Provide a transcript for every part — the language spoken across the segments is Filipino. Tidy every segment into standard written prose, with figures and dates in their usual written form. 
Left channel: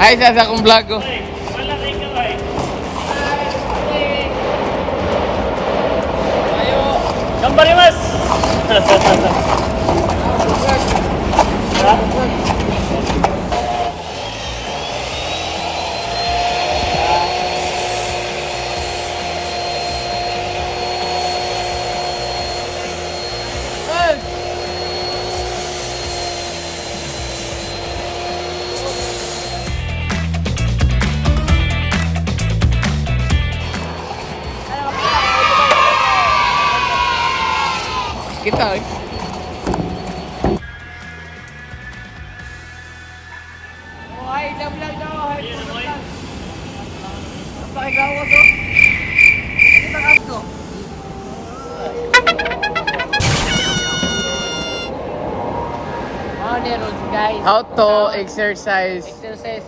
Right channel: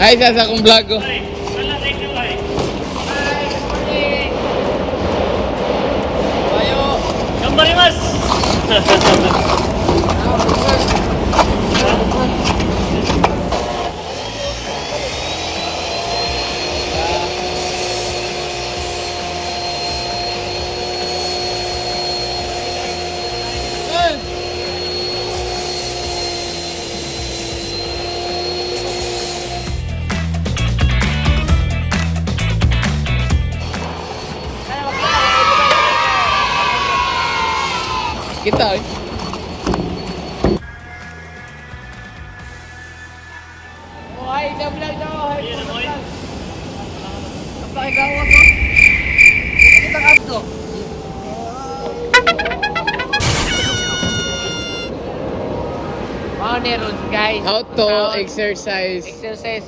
Ay, sa akong vlog ko. Wala rin ka ba eh. Ayo. Gambarimas! Kita eh. Oh, ay, vlog daw. Ay, vlog. Ang pakigawas, oh. Kita ang abs, oh. Meron, guys. How to exercise Exercise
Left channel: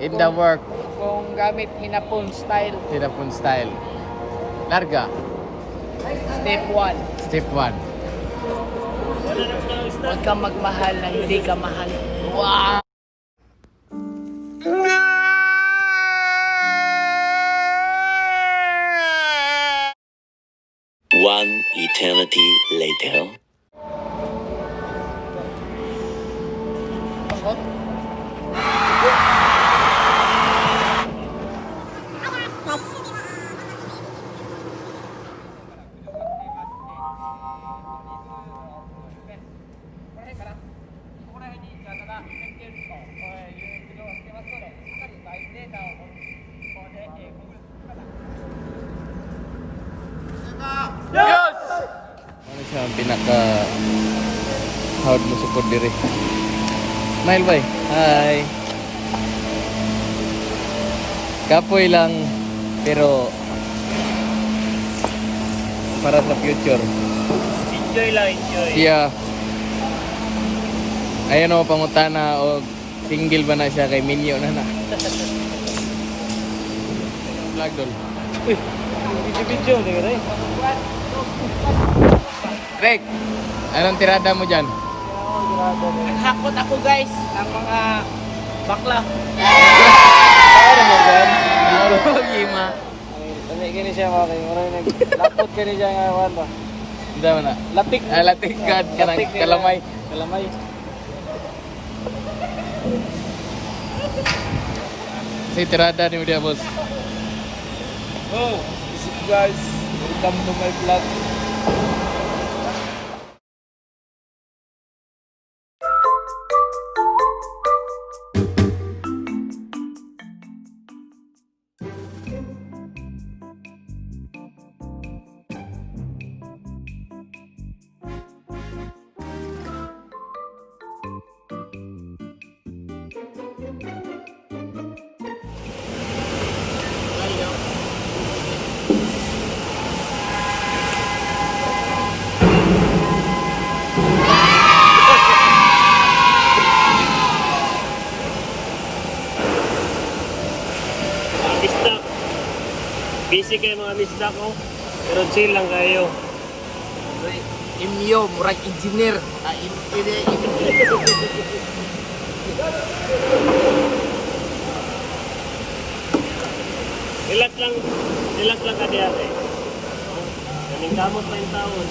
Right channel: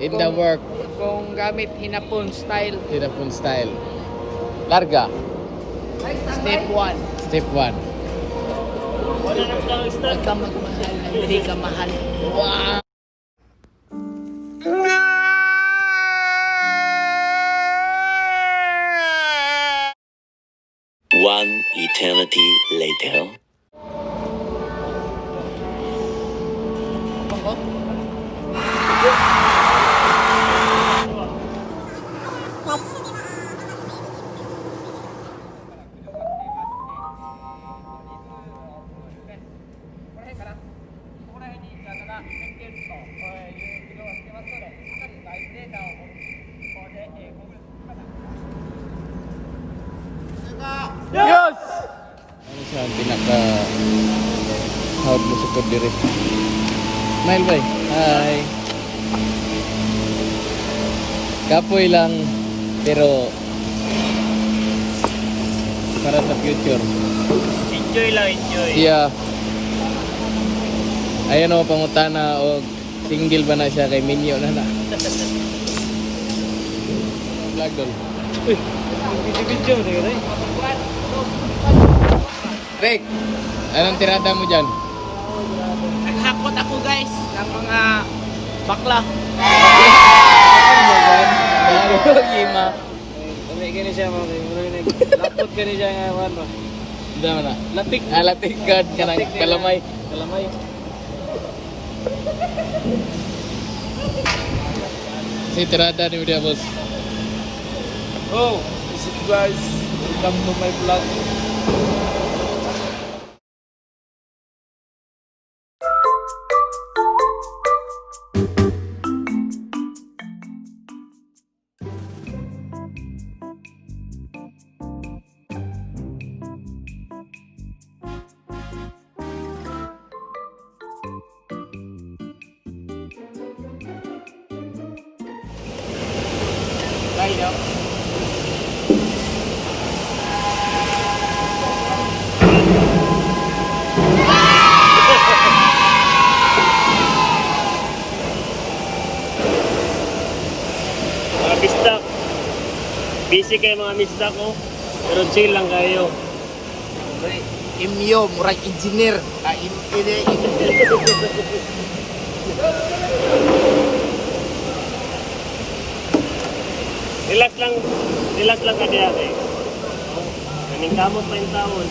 in the work. kung gamit hinapon style. Tinapon style. Larga. Step 1. Step 1. Wala na lang start. Huwag kang magmahal na hindi ka mahal. Wow! One eternity later. Bakot? ができるという議論をしてますので、しっかり外部データをここでご分析ください。 Yes! Ano siya ang pinaka hawad mo support diri? Smile boy. Hi. Kapoy lang pero para sa future. Enjoy lang, enjoy. Siya ayan o pangutana o single ba na siya kay Minyo na na. Vlog doon. Video-video, tayo rin. Rick, anong tirada mo dyan? Naghakot ako guys ng mga bakla. Ano mo dyan? Gima. Dali gini siya mga kayo. Naglapot gini siya ngayon ba? Hindi mo na. Latik. Latik ka ng kalamay. Kalamay. Si tirada ni Media Boss. Oh, what's up guys? Welcome to my vlog. Mga mistak. Busy kayo mga mistak ko. Pero chill lang kayo. Imyo, murag engineer. Relax lang ka diyan eh. Kaming kamot pa yung taon.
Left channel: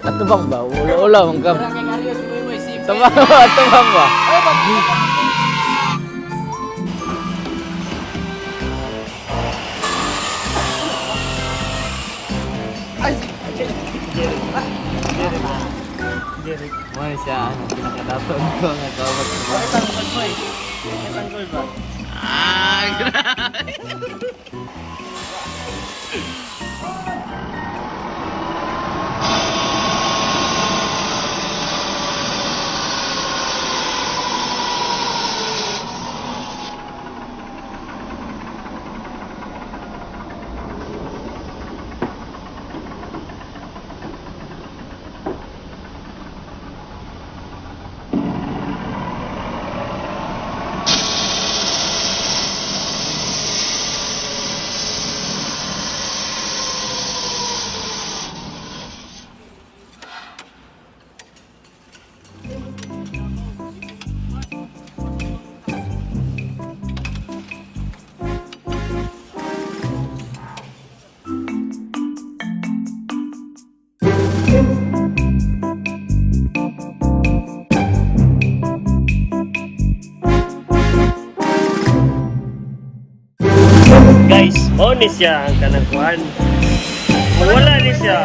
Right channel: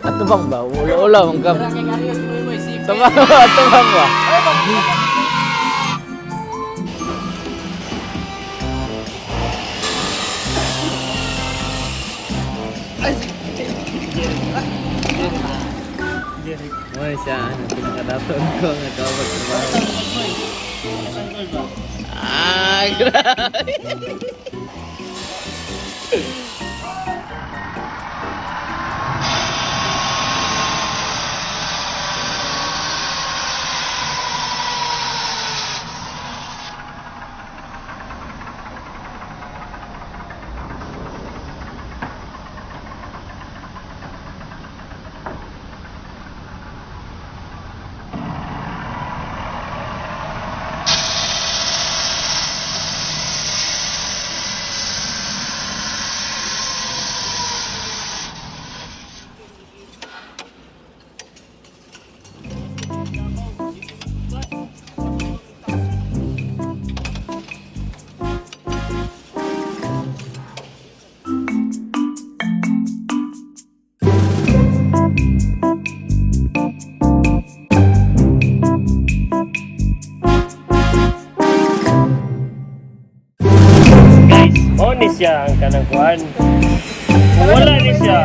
Atubang ba? Ulo-ulo mong kam. Atubang ba? Atubang ba? Mo siya, pinakadaton ko nga kawat. Ay, grabe. siya ang kanang kuan. Kung wala ni siya,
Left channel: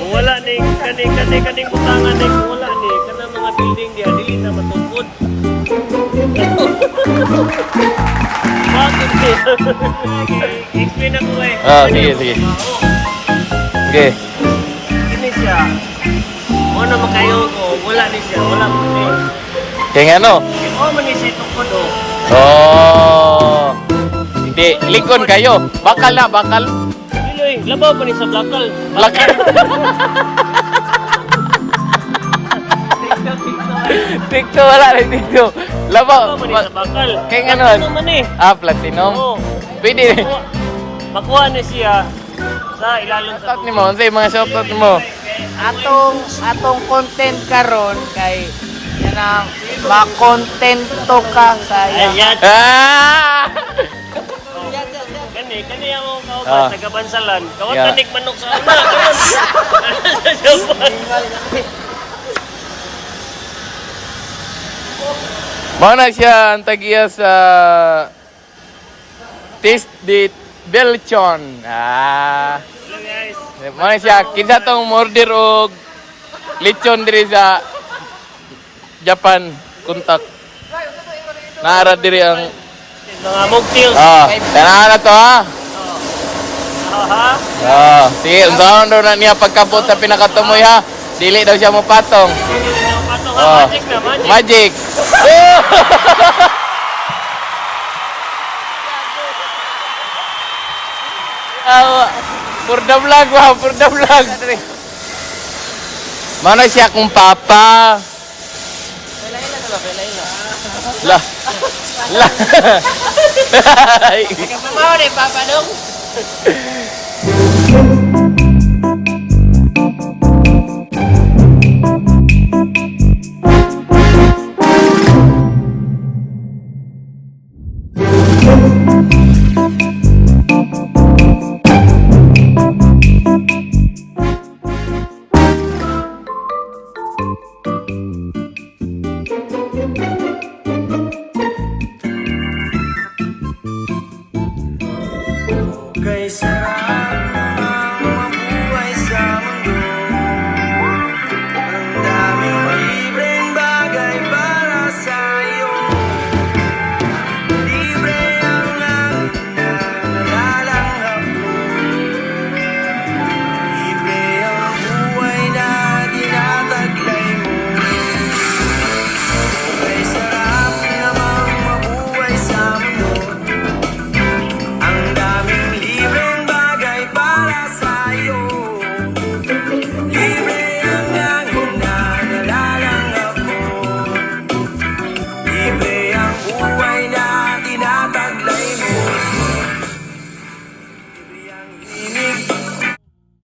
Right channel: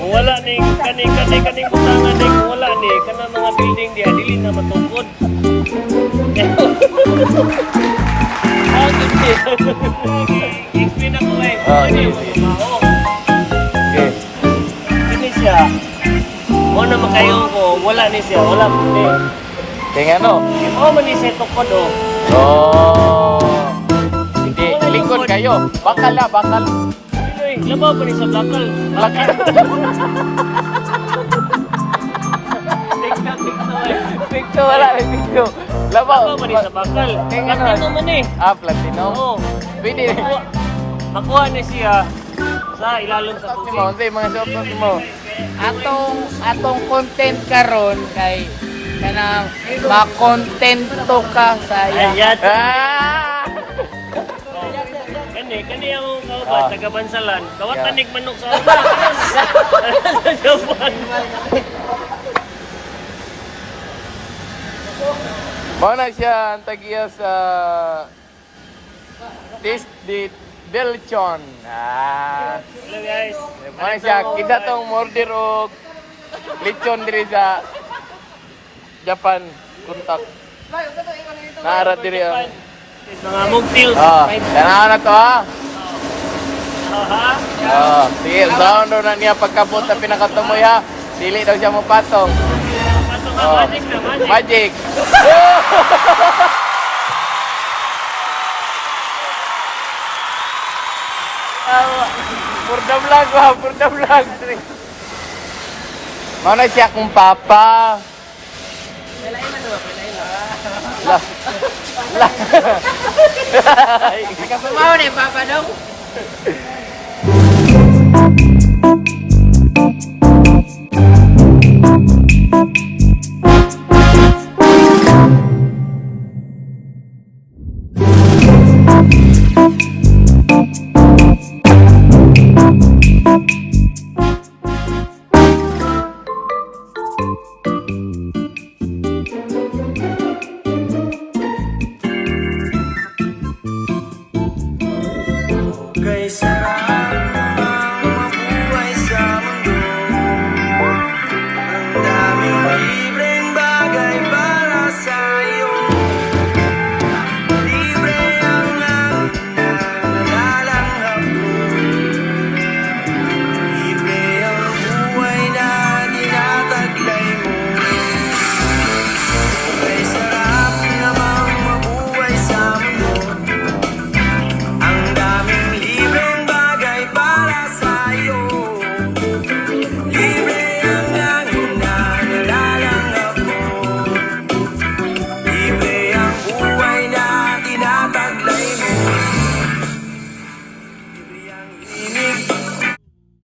kung wala ni kaning butangan ni kung wala ni kanang mga building dia dili na matungkod. Bakit ni? Explain ako eh. Sige, sige. Oo. Okay. Ini siya. Mo na makayo ko, wala ni siya, wala ko. Kaya ano? Oh, man ni siya tukod oh. Oh. Hindi, likod kayo. Bakal na, bakal. Iloy, labaw pa ni sa bakal. Bakal. Tikto, wala rin tikto. Labaw Labaw. pa ni sa bakal. Kaya ano? Ano naman eh. Platinum. Oo. Pwede. Makuha na siya sa ilalon sa Shoutout mo, ano yung mga shoutout mo? Atong content karon kay kanang makontento ka sa Ayan. Ah! Kani ang kauban, taga Bansalan. Kawat Yeah. tanig manok sa una. Karon. Sa Japan. Mana siya ang tagiya sa Taste de Belchon. Hello guys. Mana siya kinsa tong order og lechon diri sa Japan kontak. Naara diri ang Mga mocktails. kailangan na to ha. Aha. Sige, down na niya pagkapot sa pinakatumoy ha. Dili daw siya mapatong. Pato nga, magic na, magic. Magic. Purda vlog ba? Purda vlog. Mana siya kung papa? Lah. Lah. Kapamaw ni Papa Dong.